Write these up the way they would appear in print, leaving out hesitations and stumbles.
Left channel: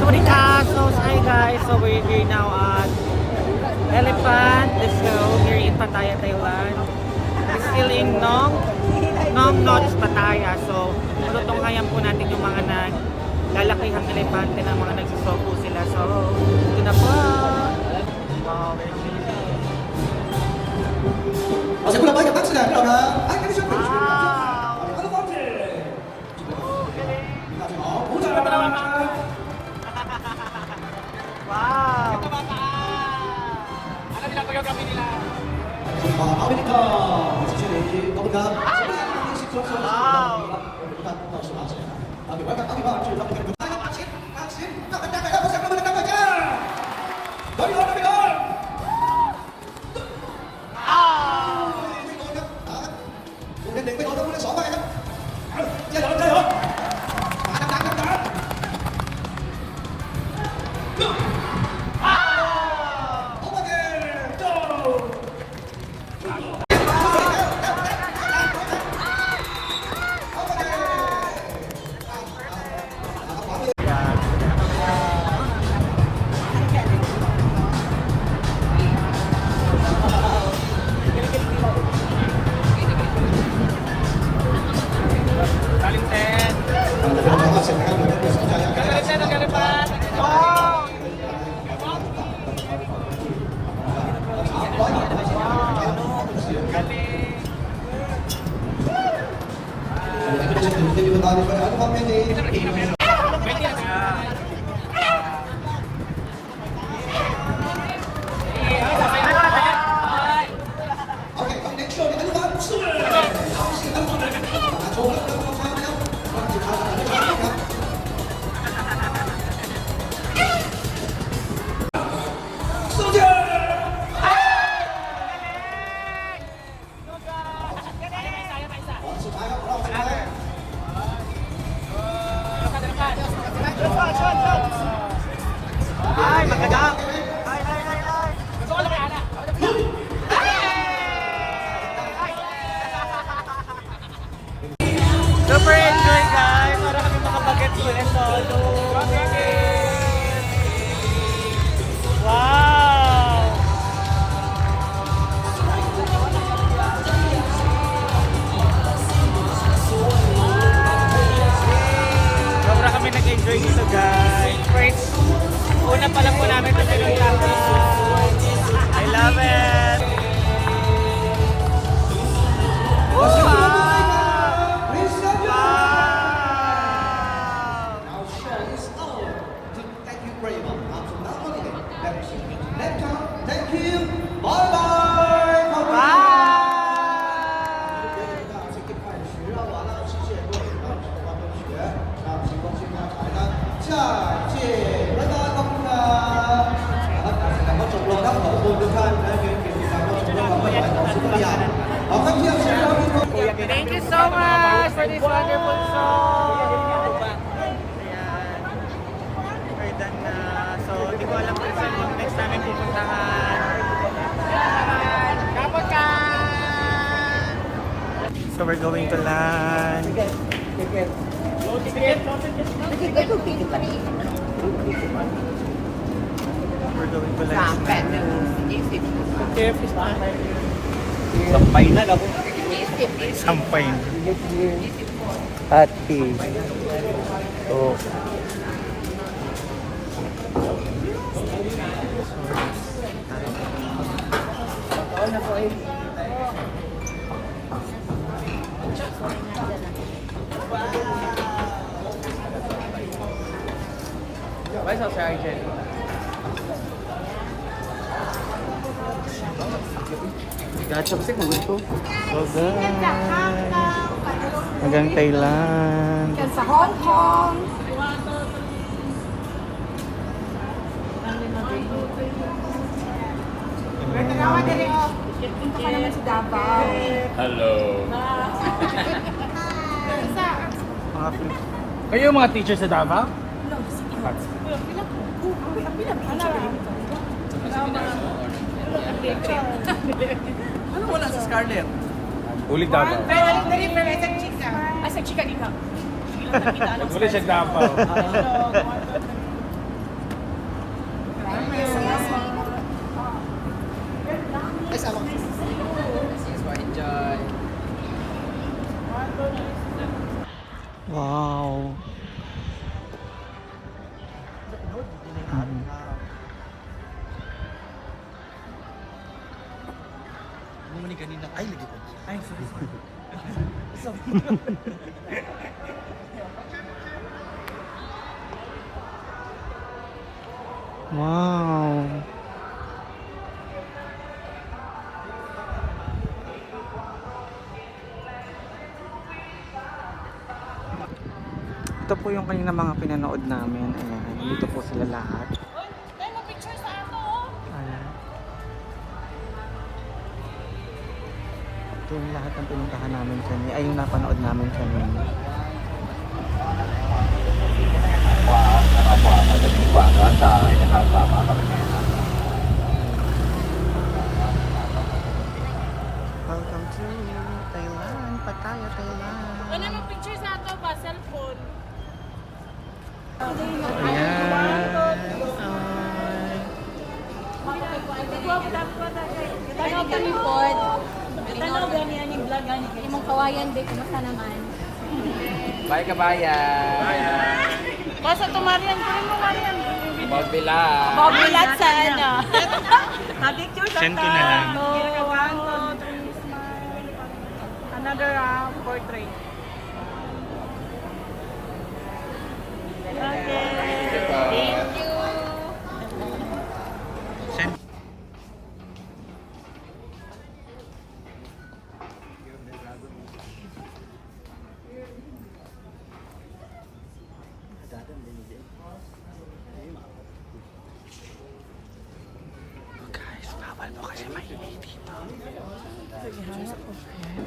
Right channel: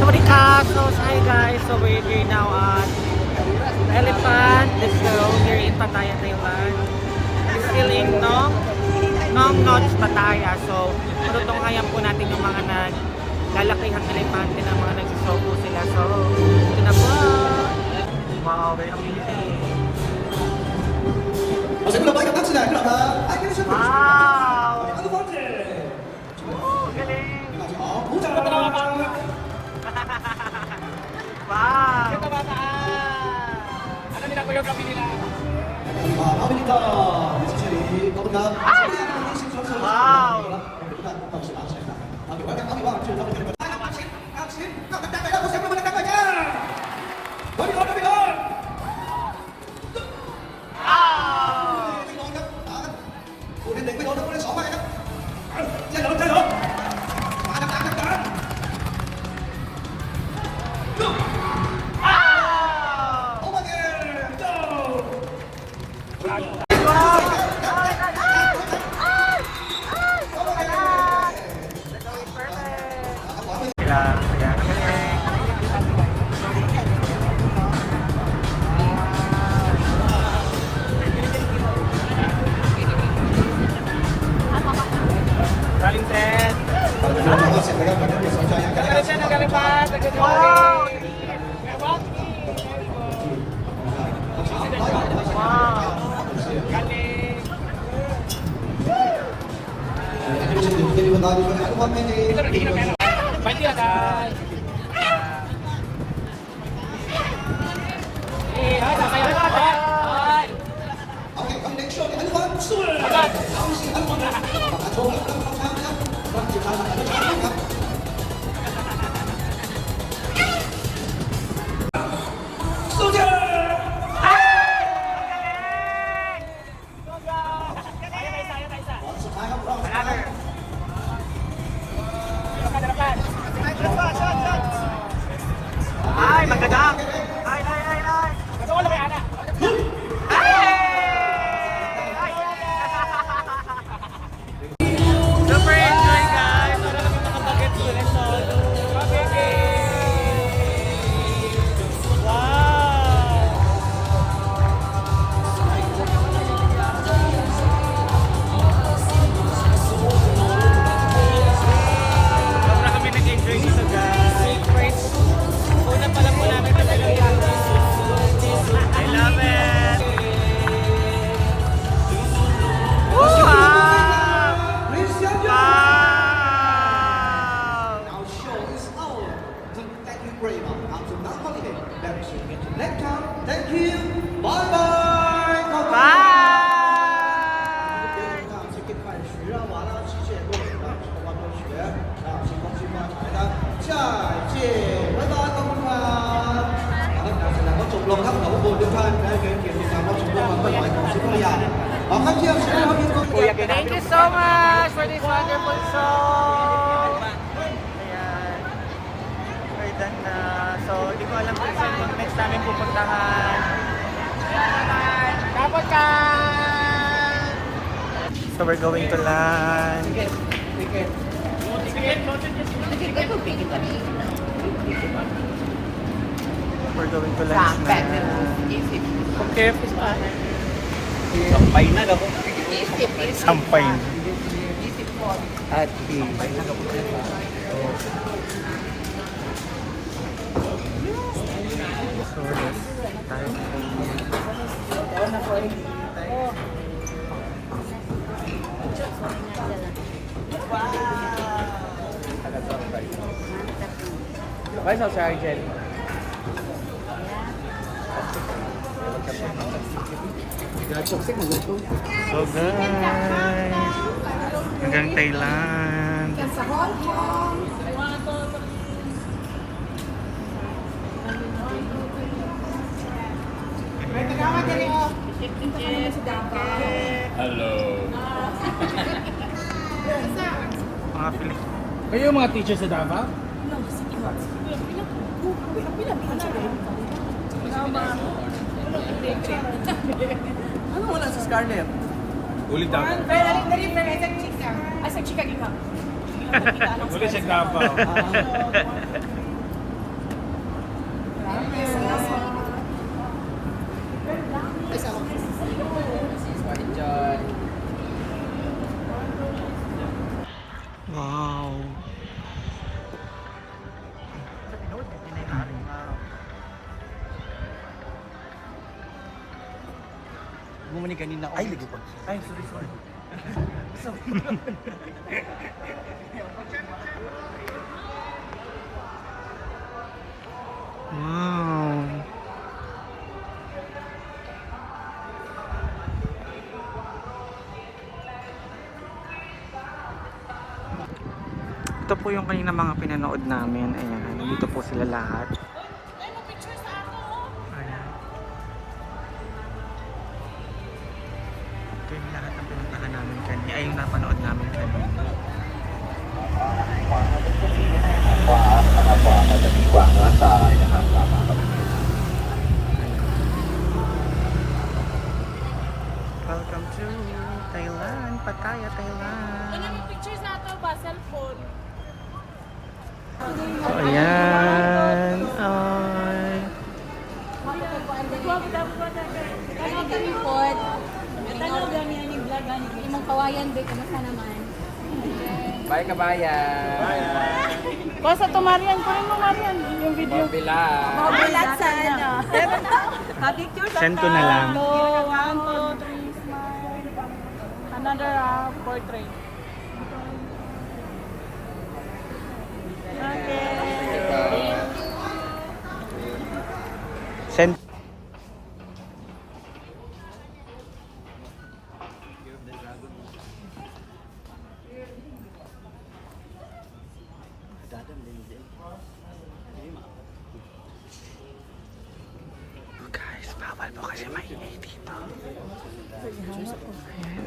Sawadika! So, hi guys! So, we're here now at Elephant Disco here in Pattaya, Thailand. It's still in Nong Nots, Pattaya. So, marutunghayan po natin yung mga naglalakihang elepante ng mga nagsusopo sila. So, ito na po! Wow! Wow! Wow! Ay, magandang! Ay! Super enjoy guys! Sobra kami nag-enjoy dito guys. Una pa lang po namin ito I love it! Wow! Wow! Our show is over. Thank you very much. Until now, thank you. Bye-bye. Bye! 好，康健是一个非常。 Thank you so much for this wonderful song! Ayan. We're done na. So, di ko alam kung saan yung next namin pupuntahan. Dapat ka! So, we're going to land. We're going to lunch na. Sampay na ako. Sampay na. Ati. Oh. Choksik mo gusto. So guys, hanggang Thailand. Sa Hong Kong. Nagkakawa dali o. Punta ka naman sa Davao. Hello. Mga Philippines. Kayo mga teacher sa Davao? Ano wala sa Scarlett? Ulit Davao. Pero dali pero isang chika. Ay, sa chika gika. Ulit siya Davao. Wow. Muni kanina. Ay, ligo ko. Ay, sorry. Wow. Ito po yung kanina mga pinanood namin. Ayan, nandito po sila lahat. Ayan. Ito yung lahat ng pinuntahan namin kanina. Ay, yung napanood namin kanina. Welcome to Thailand, Pattaya, Thailand. Ano yung picture sa ato ba? Cellphone. So, ayan. Ay. Tanaw kami po. Tanaw gani aning vlog gani. Imong kawayan be kumusta naman? Bye kabayan! Kasi tumarian ko mo Marian. Mabila! Mobilat sa ano. Pa-picture sa Send ko na lang. Another portrait. Okay. Send. Guys, bawal po kasi mainit dito. Ayan.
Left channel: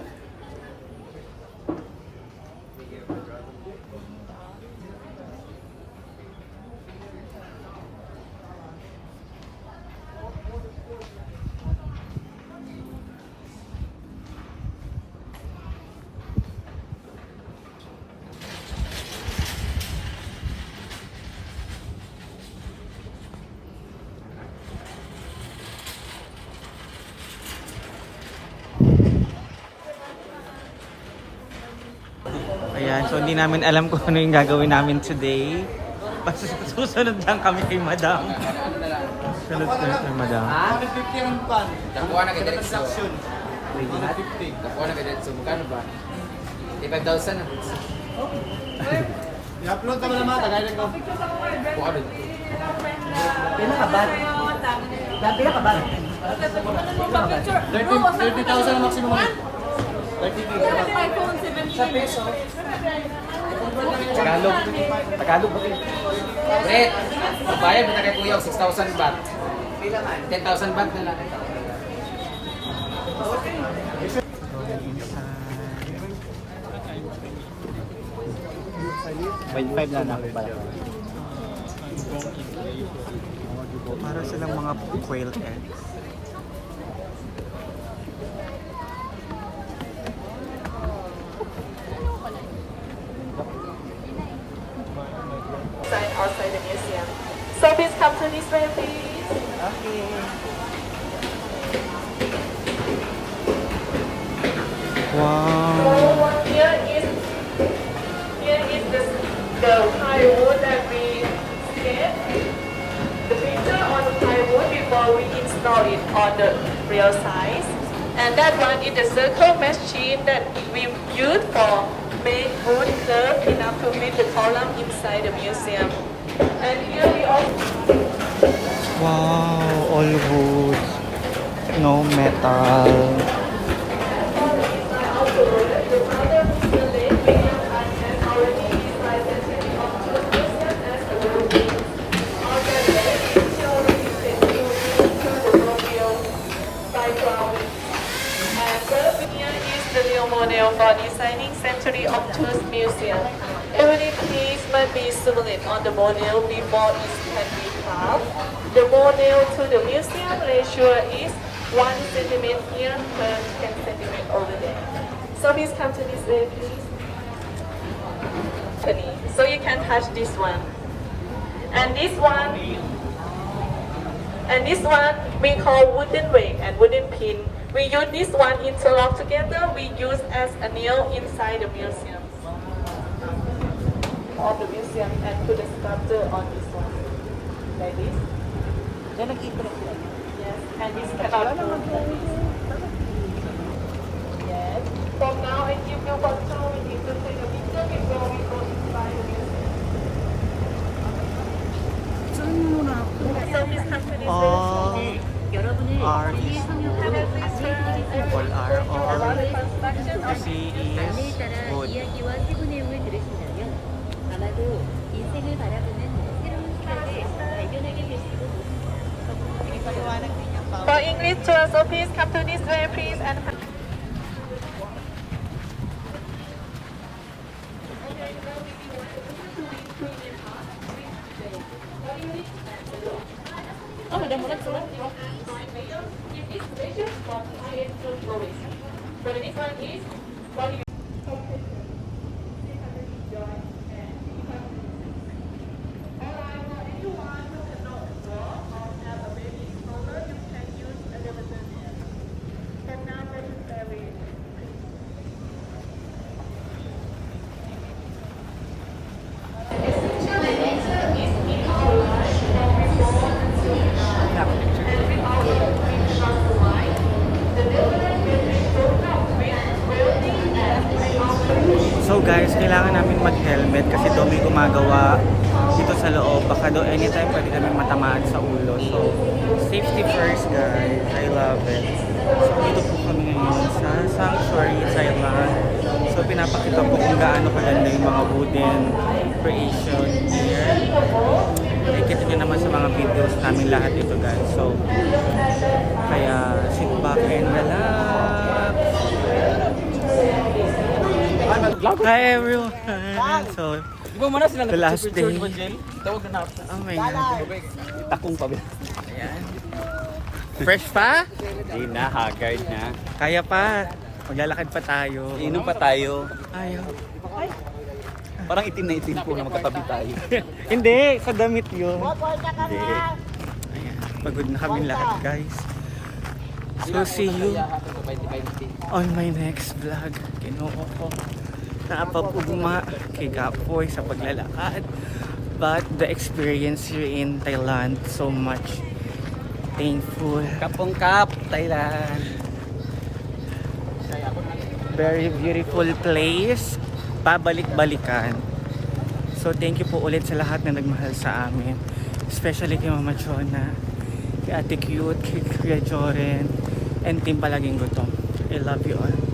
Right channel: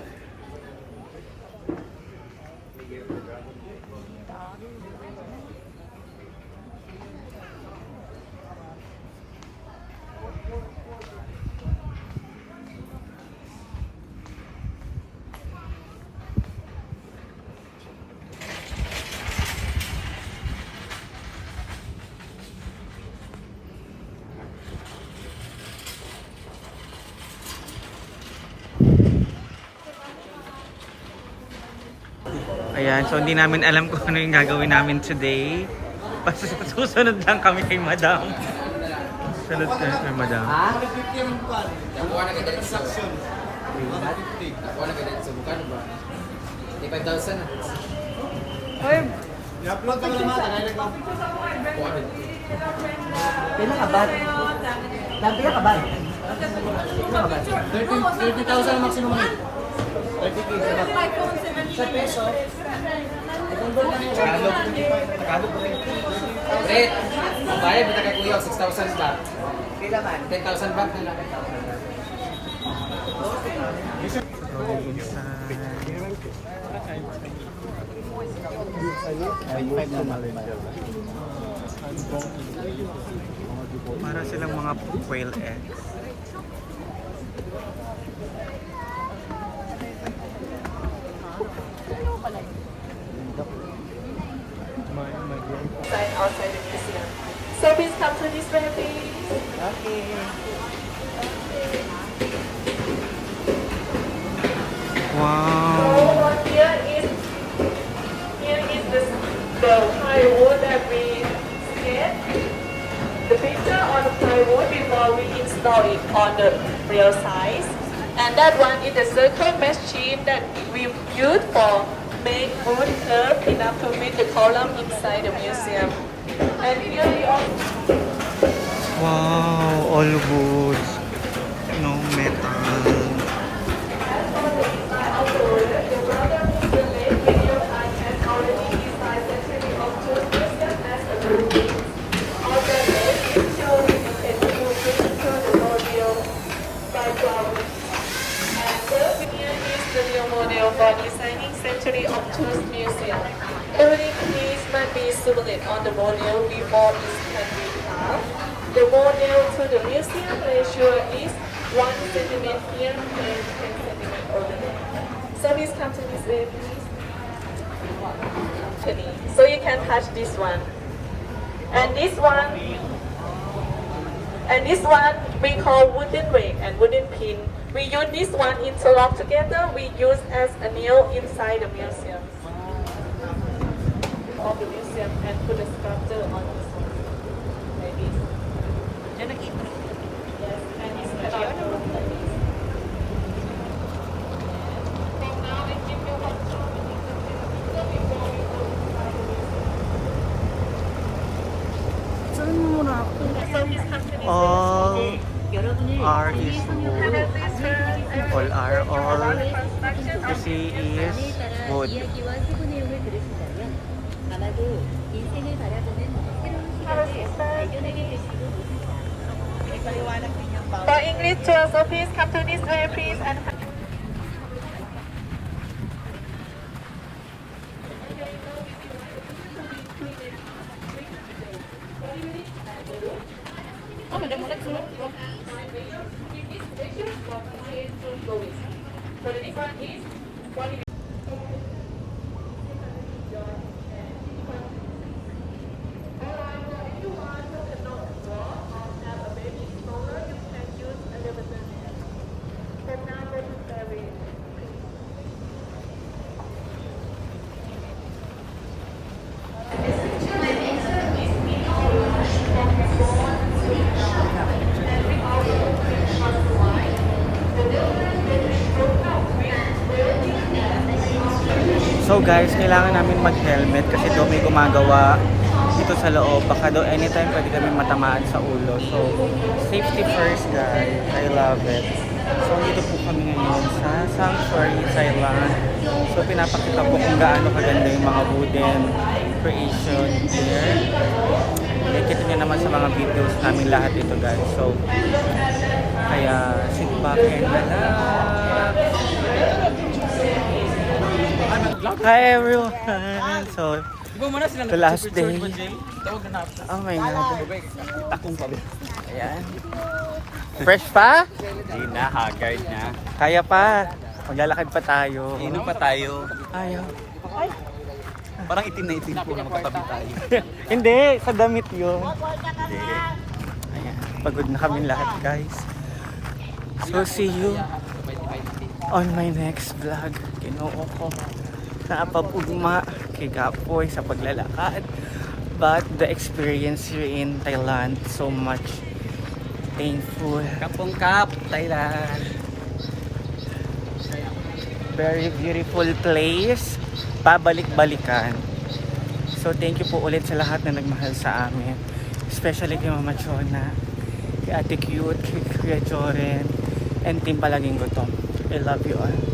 Ayan, so hindi namin alam kung ano yung gagawin namin today. Basta susunod lang kami kay Madam. Sunod kami kay Madam. 150 ang pan. Nakuha na ka Transaction. 150. Nakuha na ka dito. Magkano ba? 5,000 na. I-upload ka mo naman. Tagay lang. Kuha ba? Pila ka ba? Pila ka ba? 30,000 ang maximum mo. 30K. Sa peso. Tagalog po rin. Brett! Bayad mo na kay Kuya 6,000 baht. 10,000 baht na lang. So going inside. 5 na lang. Para silang mga quail eggs. Outside the museum. So please come to this way, please. Wow. So here is this, the plywood that we did. The picture on the plywood before we install it on the real size. And that one is the circle machine that we use for make wood curve enough to fit the column inside the museum. And here we also Wow, all wood. No metal. model for designing Century of Tools Museum. Every piece must be simulated on the model before it can be carved. The model to the museum ratio is 1 centimeter here per 10 centimeter over there. So please come to this way, please. So you can touch this one. And this one we call wooden rake and wooden pin. We use this one interlock together. We use as a nail inside the museum. border on this one. Like this. Yes, and this cannot move like this. Yes. From now, I give you control. We need to take a picture before we go inside the museum. All artists wood. All you see is wood. 이야기와 최고 내용을 들으신다면 아마도 인생을 바라보는 새로운 시간에 발견하게 되시고 For English tours, so please come to this way, please. And so the difference is what you So guys, kailangan namin mag-helmet kasi daw may gumagawa dito sa loob. Baka daw anytime pwede kami matamaan sa ulo. So, safety first guys. I love it. So, dito po kami ngayon sa Sanctuary, Thailand. So, pinapakita po kung gaano kaganda yung mga wooden creation here. Nakikita nyo naman sa mga videos namin lahat dito guys. So, kaya sit back and relax. Hi everyone! So, the last day. Oh my God. Takong pa ba? Ayan. Fresh pa? Hindi na, haggard na. Kaya pa. Maglalakad pa tayo. Inom pa tayo. Ayaw. Parang itim na itim po na magkatabi tayo. Hindi, sa damit yun. Ayan. Pagod na kami lahat guys. So see you on my next vlog. Kinoo ko. Napapugma kay Gapoy sa paglalakad. But the experience here in Thailand so much painful. Kapong Kap, Thailand. Very beautiful place. Pabalik-balikan. So thank you po ulit sa lahat na nagmahal sa amin. Especially kay Mama Chona, kay Ate Cute, kay Kuya Joren, and Team Palaging Gutom. I love you all.